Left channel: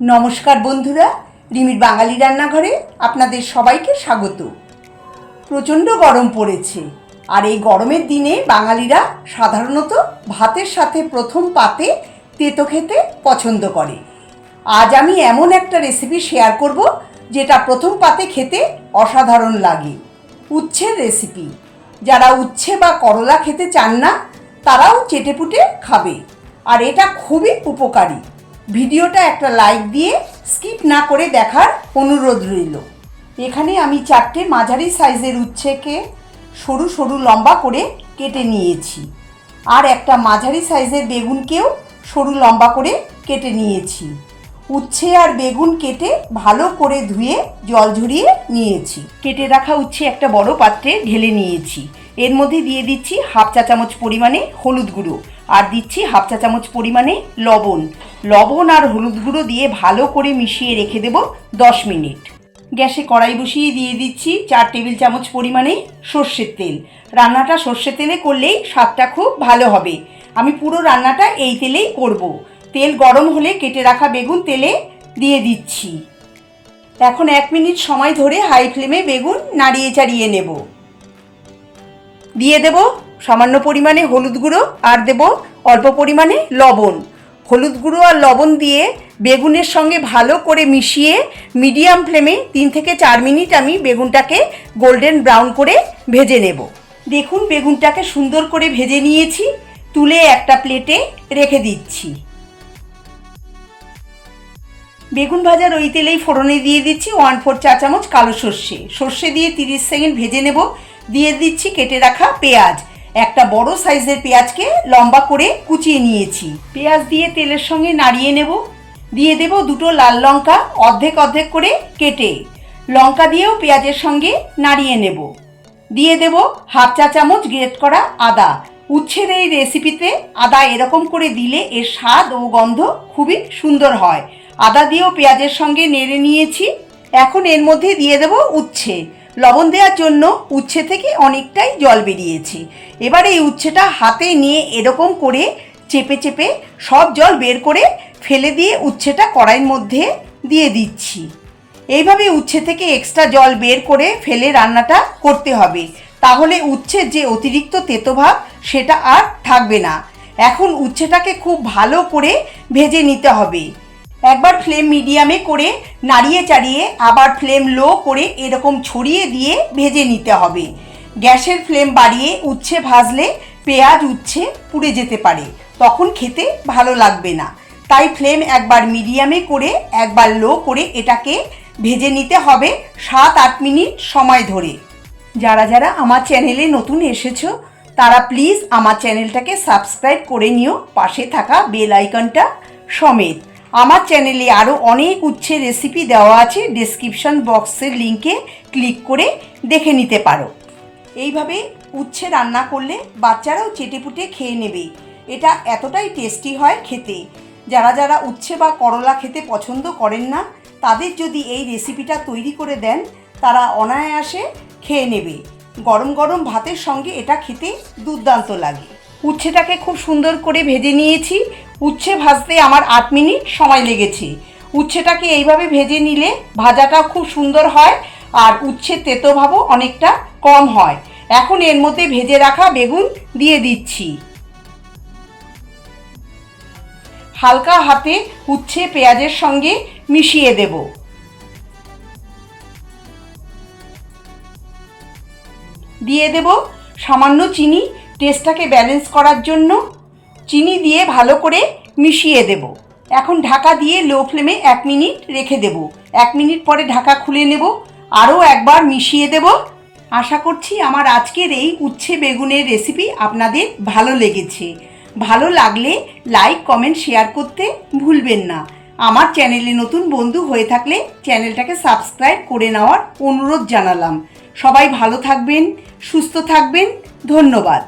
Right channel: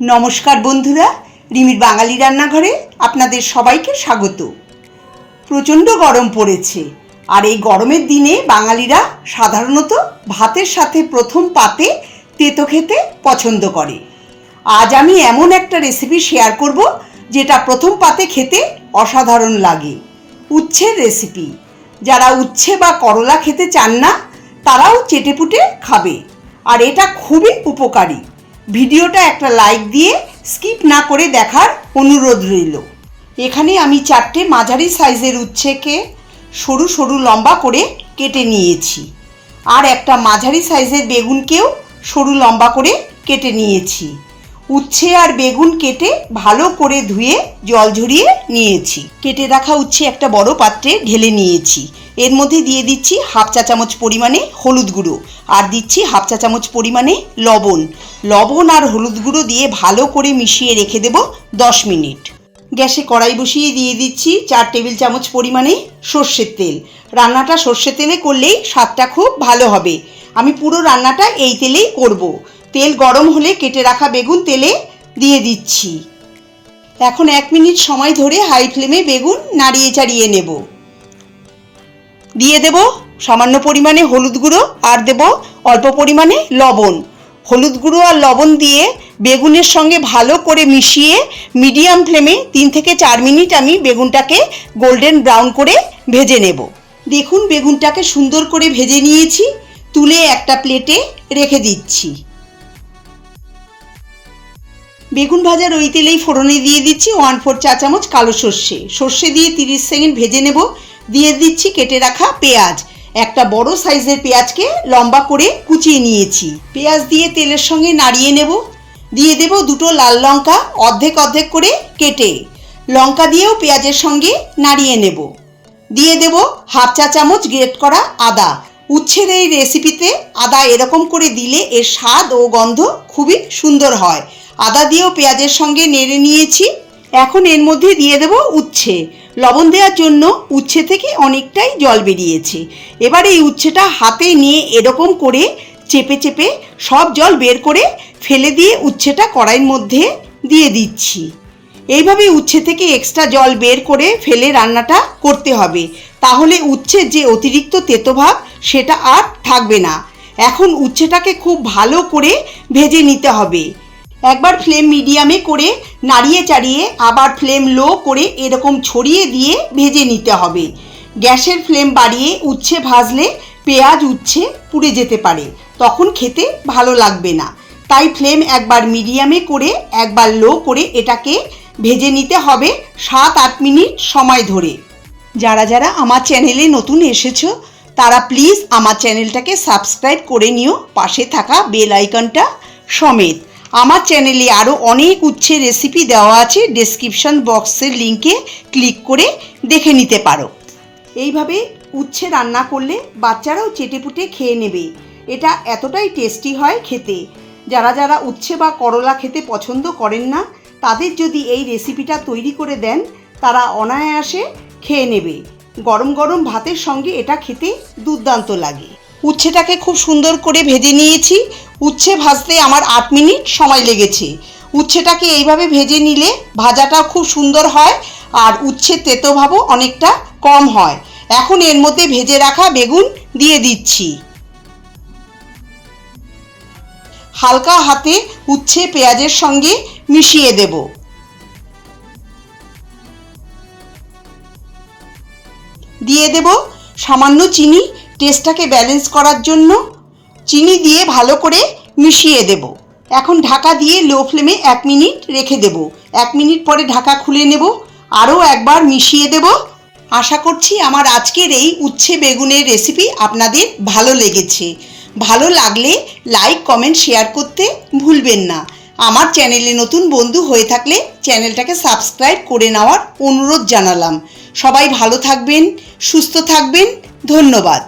নমস্কার বন্ধুরা, রিমির বাঙালি রান্নাঘরে আপনাদের সবাইকে স্বাগত। প্রচণ্ড গরম পড়েছে, আর এই গরমের দিনে বাঙালিরা সাধারণত ভাতের সাথে প্রথম পাতে তেতো খেতে পছন্দ করে। আজ আমি এমন একটা রেসিপি শেয়ার করব যেটা প্রথম পাতে খেতে অসাধারণ লাগে। উচ্ছের রেসিপি। যারা উচ্ছে বা করলা খেতে চান না তারাও চেটেপুটে খাবে, আর এটা খুবই উপকারী। ভিডিওটা একটা লাইক দিয়ে স্কিপ না করে দেখার অনুরোধ রইল। এখানে আমি 4টে মাঝারি সাইজের উচ্ছেকে সরু সরু লম্বা করে কেটে নিয়েছি, আর একটা মাঝারি সাইজের বেগুনকেও সরু লম্বা করে কেটে নিয়েছি। উচ্ছে আর বেগুন কেটে ভালো করে ধুয়ে জল ঝরিয়ে নিয়েছি। কেটে রাখা উচ্ছে একটা বড় পাত্রে ঢেলে নিয়েছি। এর মধ্যে দিয়ে দিচ্ছি হাফ চা চামচ পরিমাণে হলুদ গুঁড়ো, আর দিচ্ছি হাফ চা চামচ পরিমাণে লবণ আর হলুদ গুঁড়ো দিয়ে ভালো করে মিশিয়ে রেখে দেব 10 মিনিট। গ্যাসে কড়াই বসিয়ে দিয়ে দিচ্ছি 4 টেবিল চামচ পরিমাণে সর্ষের তেল। রান্নাটা সর্ষের তেলে করলেই স্বাদটা খুব ভালো হবে। আমি পুরো রান্নাটা এই তেলেই করব। তেল গরম হলে কেটে রাখা বেগুন তেলে দিয়ে দিচ্ছি। এখন 1 মিনিট সময় ধরে হাই ফ্লেমে বেগুন নাড়িয়ে চাড়িয়ে নেব। দিয়ে দেব সামান্য পরিমাণে হলুদ গুঁড়ো, আর দেব অল্প পরিমাণে লবণ। হলুদ গুঁড়ো আর লবণ দিয়ে বেগুনের সঙ্গে ভালো করে মিশিয়ে মিডিয়াম ফ্লেমে 3 থেকে 4 মিনিট আমি বেগুনটাকে গোল্ডেন ব্রাউন করে ভেজে নেব। দেখুন, বেগুনটাকে সুন্দর করে ভেজে নিয়েছি। তুলে একটা প্লেটে রেখে দিচ্ছি। বেগুন ভাজার ওই তেলেই ফোড়নে দিয়ে দিচ্ছি 1/4 চা চামচ কালো সর্ষে দিয়ে 30 সেকেন্ড ভেজে নেব। দিয়ে দিচ্ছি কেটে রাখা পেঁয়াজ। একটা বড় সাইজের পেঁয়াজকে লম্বা করে কুচিয়ে নিয়েছি। পেঁয়াজ দিয়ে তেলের সঙ্গে নাড়িয়ে নেব। দিয়ে দেব 2টো লাল লঙ্কা অর্ধেক অর্ধেক করে কেটে। লঙ্কা দিয়েও পেঁয়াজের সঙ্গে নাড়িয়ে নেব। দিয়ে দেব হাফ চা চামচ গ্রেট করা আদা। উচ্ছের এই রেসিপিতে আদা এরকম করে দিলে এর স্বাদ ও গন্ধ খুবই সুন্দর হয়। আদা দিয়েও পেঁয়াজের সঙ্গে নেড়ে নিয়েছি। এখন এর মধ্যে দিয়ে দেব উচ্ছে। লবণ দেওয়ার জন্য উচ্ছে থেকে অনেকটাই জল বেরিয়েছে। এবার এই উচ্ছেটা হাতে নিয়ে এরকম করে চেপে চেপে সব জল বের করে ফেলে দিয়ে উচ্ছেটা কড়াইয়ের মধ্যে দিয়ে দিচ্ছি। এইভাবে উচ্ছে থেকে এক্সট্রা জল বের করে ফেলে রান্নাটা করতে হবে, তাহলে উচ্ছের যে অতিরিক্ত তেতো ভাব সেটা আর থাকবে না। এখন উচ্ছেটাকে খুব ভালো করে ভেজে নিতে হবে। একবার ফ্লেম মিডিয়ামে করে নাড়িয়ে চাড়িয়ে আবার ফ্লেম লো করে এরকম ছড়িয়ে দিয়ে ভেজে নিতে হবে। গ্যাসের ফ্লেম বাড়িয়ে উচ্ছে ভাজলে পেঁয়াজ উচ্ছে পুড়ে যেতে পারে, তখন খেতে ভালো লাগবে না। তাই ফ্লেম একবার মিডিয়ামে করে একবার লো করে এটাকে ভেজে নিতে হবে 7-8 মিনিট সময় ধরে। যারা যারা আমার চ্যানেলে নতুন এসেছো তারা প্লিজ আমার চ্যানেলটাকে সাবস্ক্রাইব করে নিও, পাশে থাকা বেল আইকনটা সমেত। আমার চ্যানেলে আরও অনেক উচ্ছের রেসিপি দেওয়া আছে, ডেসক্রিপশন বক্সের লিঙ্কে ক্লিক করে দেখে নিতে পারো। এইভাবে উচ্ছে রান্না করলে বাচ্চারাও চেটেপুটে খেয়ে নেবে। এটা এতটাই টেস্টি হয় খেতে। যারা যারা উচ্ছে বা করলা খেতে পছন্দ করেন না তাদের যদি এই রেসিপিটা তৈরি করে দেন তারা অনায়াসে খেয়ে নেবে। গরম গরম ভাতের সঙ্গে এটা খেতে দুর্দান্ত লাগে। উচ্ছেটাকে খুব সুন্দর করে ভেজে নিয়েছি। উচ্ছে ভাজতে আমার 8 মিনিট সময় লেগেছে। উচ্ছেটাকে এইভাবে ভেজে নিলে ভাজাটা খুব সুন্দর হয়, আর উচ্ছের তেতো ভাবও অনেকটা কম হয়। এখন এর মধ্যে ভেজে রাখা বেগুন দিয়ে দিচ্ছি। হালকা হাতে উচ্ছে পেঁয়াজের সঙ্গে মিশিয়ে দেব। দিয়ে দেব সামান্য চিনি, টেস্টটাকে ব্যালেন্স করার জন্য। চিনি দিয়ে ভালো করে মিশিয়ে দেব। এখন ঢাকা দিয়ে লো ফ্লেমে 1 মিনিট রেখে দেব। 1 মিনিট পরে ঢাকা খুলে নেব, আরও একবার মিশিয়ে দেব। আশা করছি আমার আজকের এই উচ্ছে বেগুনের রেসিপি আপনাদের ভালো লেগেছে। ভালো লাগলে লাইক কমেন্ট শেয়ার করতে ভুলবেন না। আমার চ্যানেলে নতুন বন্ধু হয়ে থাকলে চ্যানেলটাকে সাবস্ক্রাইব করে নেওয়ার অনুরোধ জানালাম। সবাই ভালো থাকবেন, সুস্থ থাকবেন। ধন্যবাদ।